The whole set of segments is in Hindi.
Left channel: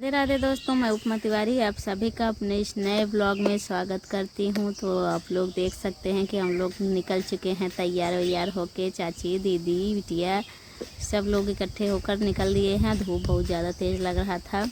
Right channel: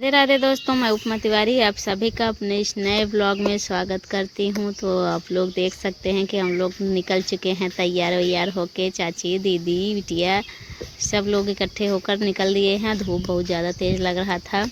राधे राधे दोस्तों, मैं उपमा तिवारी आप सभी का अपने इस नए ब्लॉग में स्वागत करती हूँ। तो आप लोग देख सकते हैं कि हम लोग निकल चुके हैं तैयार वैयार होके। चाची, दीदी, बिटिया सब लोग इकट्ठे होकर निकल दिए हैं। धूप बहुत ज़्यादा तेज़ लग रहा था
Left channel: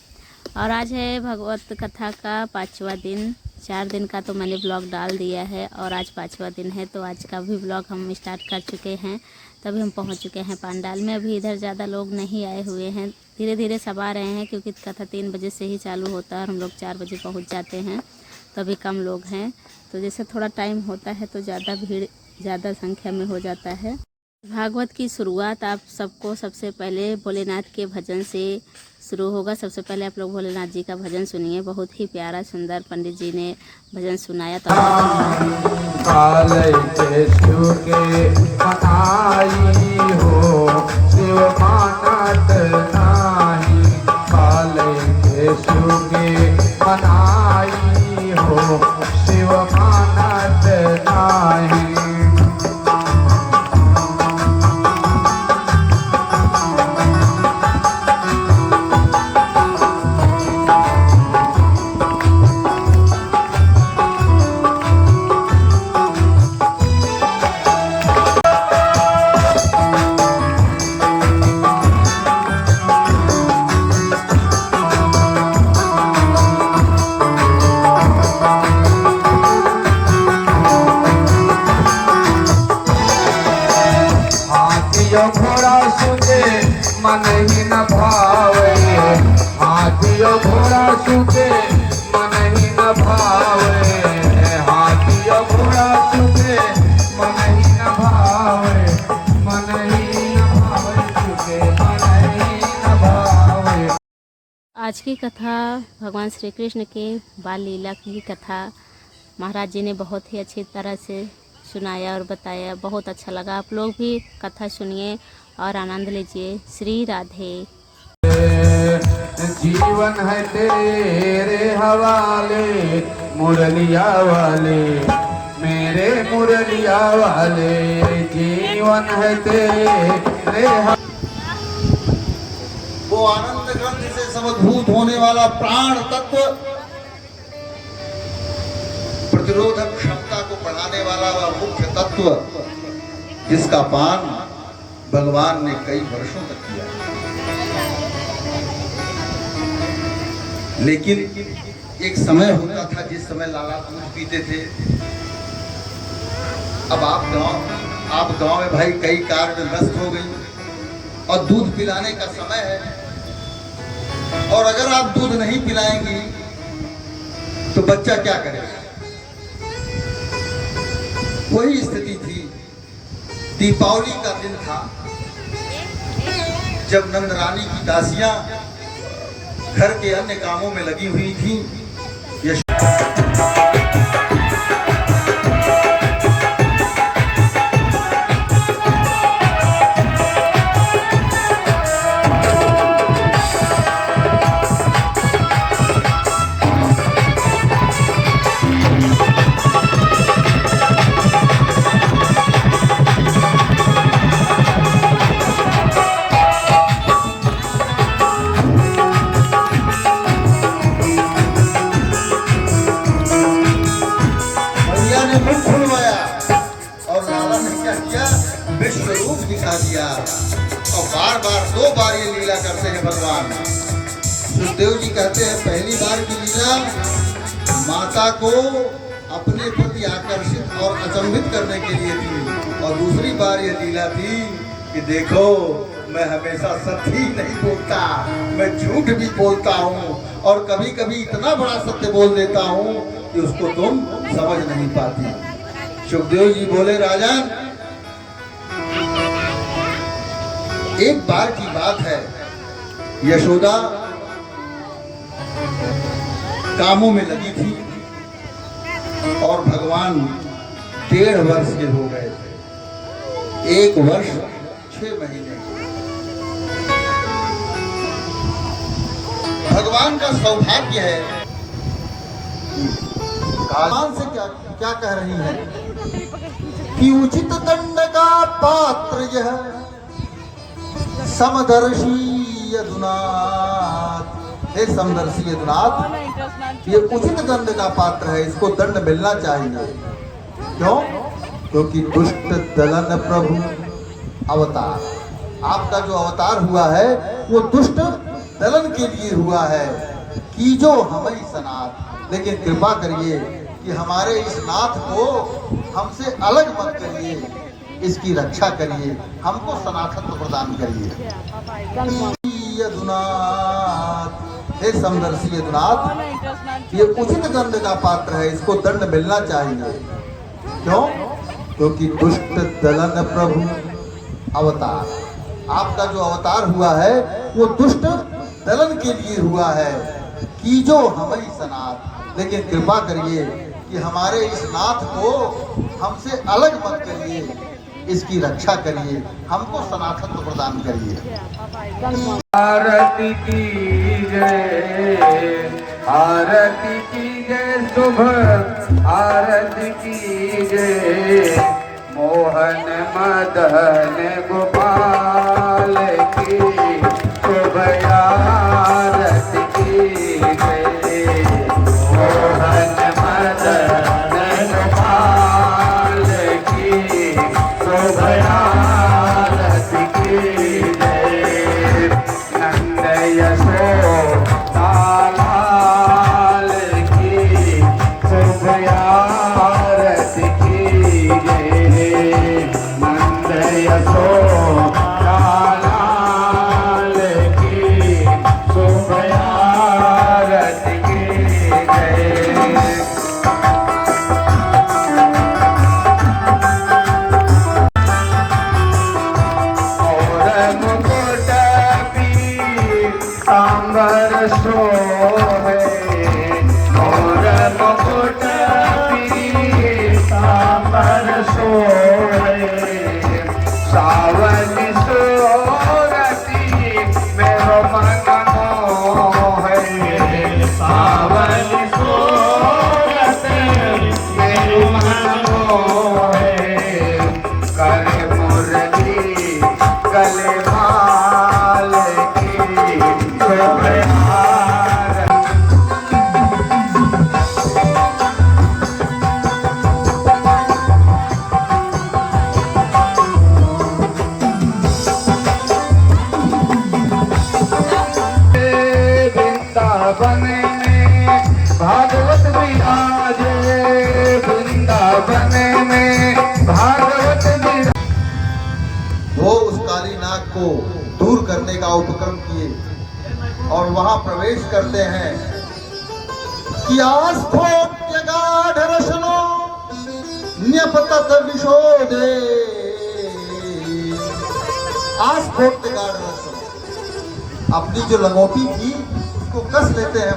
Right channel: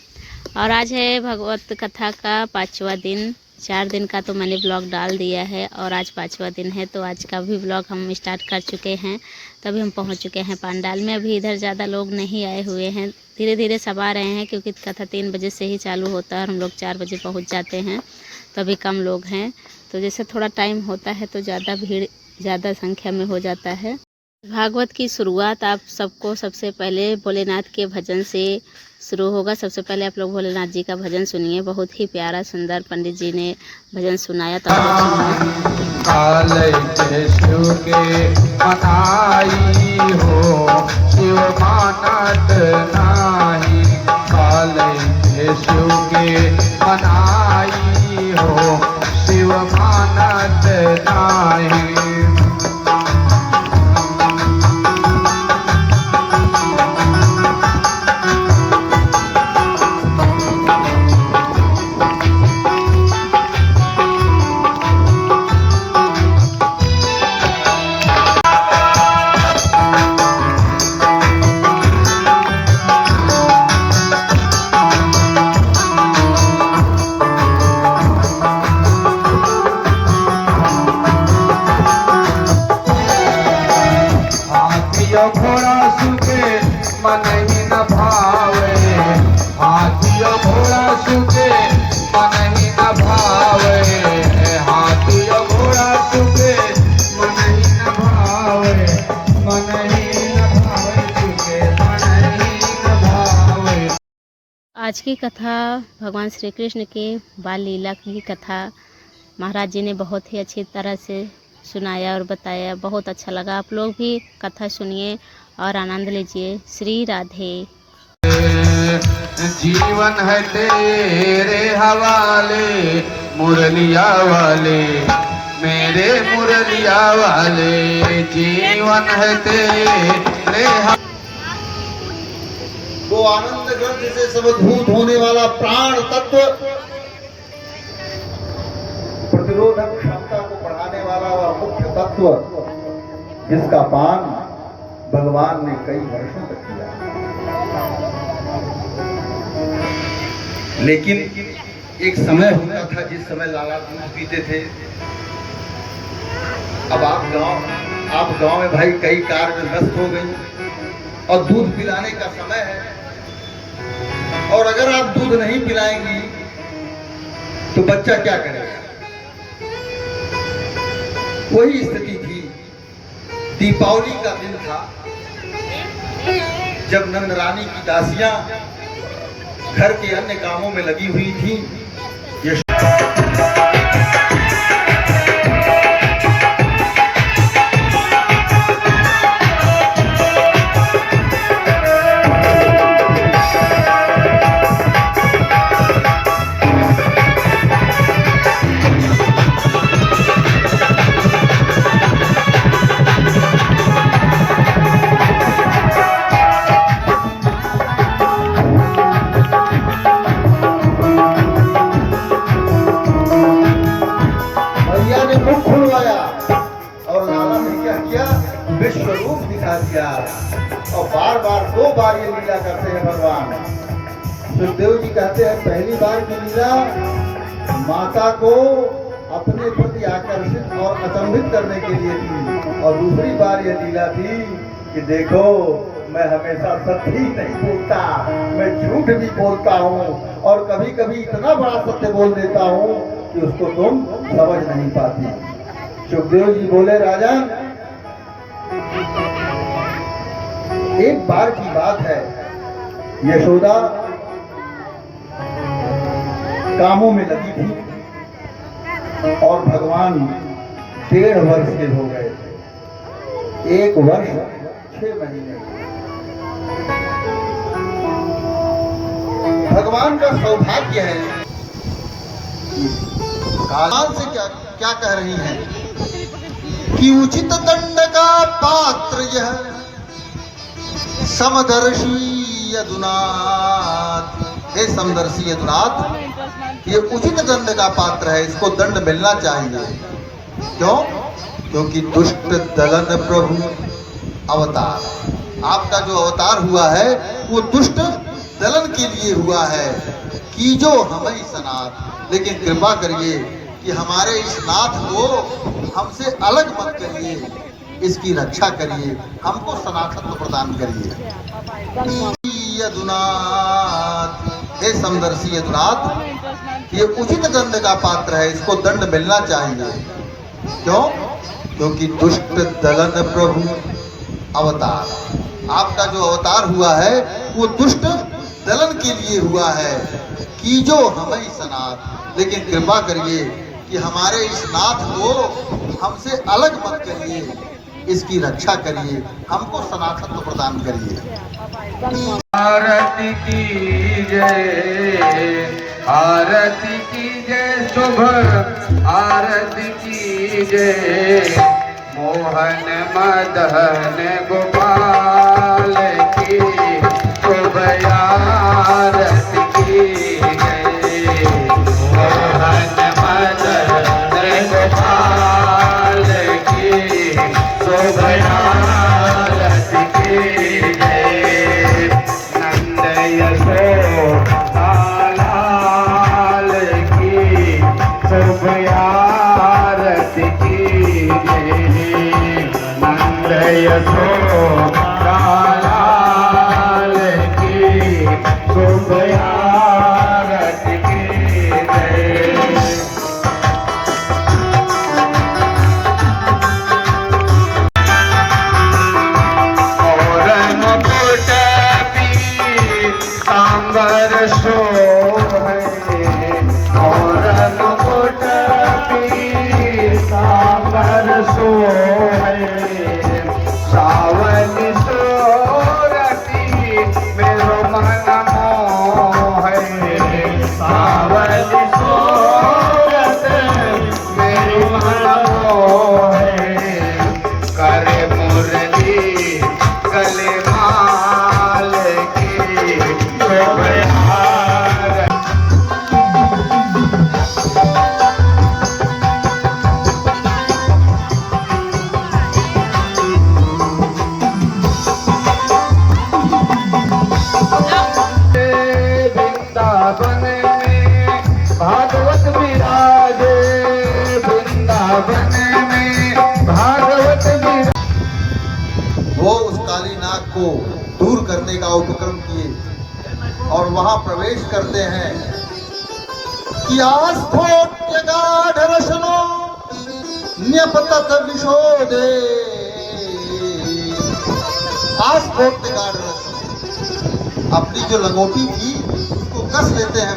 और आज है भगवत कथा का 5वां दिन। 4 दिन का तो मैंने ब्लॉग डाल दिया है और आज 5वां दिन है, तो आज का भी ब्लॉग हम स्टार्ट कर चुके हैं। तभी हम पहुंच चुके हैं पंडाल में। अभी इधर ज़्यादा लोग नहीं आए हुए हैं, धीरे धीरे सब आ रहे हैं क्योंकि कथा 3 बजे से ही चालू होता है और हम लोग 4 बजे पहुंच जाते हैं, तो अभी कम लोग हैं। तो जैसे थोड़ा टाइम होता है तो ज़्यादा भीड़ ज़्यादा संख्या में हो जाता है। भागवत की शुरुआत आप सबको सबसे पहले भोलेनाथ के भजन से शुरू होगा। सबसे पहले आप लोग भोलेनाथ जी का भजन सुनिए। बहुत ही प्यारा सुंदर पंडित जी ने भजन सुनाया, तो आप लोग सुनिए। काले केशु के मनाई हो शिव मानत नाही, काले केशु के मनाई हो शिव मानत नाही। घोड़ा सुखे मन ही न भावे, हाथियों घोड़ा सुखे मन ही न भावे, हाथियों घोड़ा सुखे मन ही न भावे, मन ही न भावे सुखे मन ही न भावे। आज की कथा भगवान श्री कृष्ण के बाल लीला की कथा महाराज जी ने बहुत ही अच्छी तरह से सुनाया और बताया। बहुत अच्छा लगा। आप लोग भी कथा सुनिए और आनंद लीजिए। श्री राधे। जीवन है तेरे हवाले मुरलिया वाले, मेरे मुरलिया वाले, जीवन है तेरे वो आनंद ग्रंथ से समभूत होने वाला प्राण तत्व, प्रतिरोधक क्षमता को बढ़ाने वाला वह मुख्य तत्व, जिसका पान भगवान ने कई वर्षों तक किया। लेकिन एक समय होता था जिस समय लाला दूध पीते थे। अब आप गांव में भाई कई कार्य में व्यस्त हो गई और दूध पिलाने का समय है, और अगर आप दूध नहीं पिलाएंगी तो बच्चा क्या करेगा। वही स्थिति थी। दीपावली का दिन था जब नंद रानी की दासियां घर के अन्य कामों में लगी हुई थी। विश्व रूप दिखा दिया और बार बार 2 बार ये लीला करते हैं भगवान। सुखदेव जी कहते हैं पहली बार की लीला माता को अपने प्रति आकर्षित और अचंभित करने के लिए थी, और दूसरी बार ये लीला थी कि देखो मैं हमेशा सत्य ही नहीं बोलता, मैं झूठ भी बोलता हूँ, और कभी कभी इतना बड़ा सत्य बोल देता हूँ कि उसको तुम समझ नहीं पाती। सुखदेव जी बोले राजन, एक बार की बात है, यशोदा कामों में लगी थी और भगवान 1.5 वर्ष के हो गए थे। 1 वर्ष 6 महीने। भगवान का सौभाग्य है। भगवान से क्या कह रही हैं कि उचित दंड का पात्र यह समदर्शी यदुनाथ हे समदर्शी यदुनाथ, ये उचित दंड का पात्र है, इसको दंड मिलना चाहिए। क्यों? क्योंकि दुष्ट दलन प्रभु अवतार, आपका जो अवतार हुआ है वो दुष्ट दलन के लिए हुआ है। कीजो हमें सनाथ, लेकिन कृपा करिए कि हमारे इस नाथ को हमसे अलग मत करिए, इसकी रक्षा करिए, हमको सनातन प्रदान करिए। यदुनाथ, हे समदर्शी यदुनाथ, ये उचित दंड का पात्र है, इसको दंड मिलना चाहिए। क्यों? क्योंकि दुष्ट दलन प्रभु अवतार, आपका जो अवतार हुआ है वो दुष्ट दलन के लिए हुआ है। कीजो हमें सनाथ, लेकिन कृपा करिए कि हमारे इस नाथ को हमसे अलग मत करिए, इसकी रक्षा करिए, हमको सनातन प्रदान करिए। आरती की जय, आरती की जय, शुभ आरती की जय, मोहन मदन गोपाल की शुभ आरती की जय, मोहन मदन गोपाल की शुभ आरती की जय, नंद यशोदा लाल की शुभ आरती की जय, नंद यशोदा लाल की शुभ आरती की जय। और मुकुट सांबर शोभे, और मुकुट सांबर शोभे, सावन सोरती मेरो मन मोहे, सावन सोरती मेरो मन मोहे, करे मुरली गले माल की शुभ आरती। वृंदावन में भागवत विराजे, वृंदावन में भागवत विराजे। वो उस काली नाग को दूर करने का उपक्रम किए और वहां प्रवेश करते हैं कि आस्थोत्यगाढ़ रसनो न्यपतत विशोधे, आस्थोत्यगाढ़ रसनो, अपनी जो लंगोटी थी उसको कस लेते हैं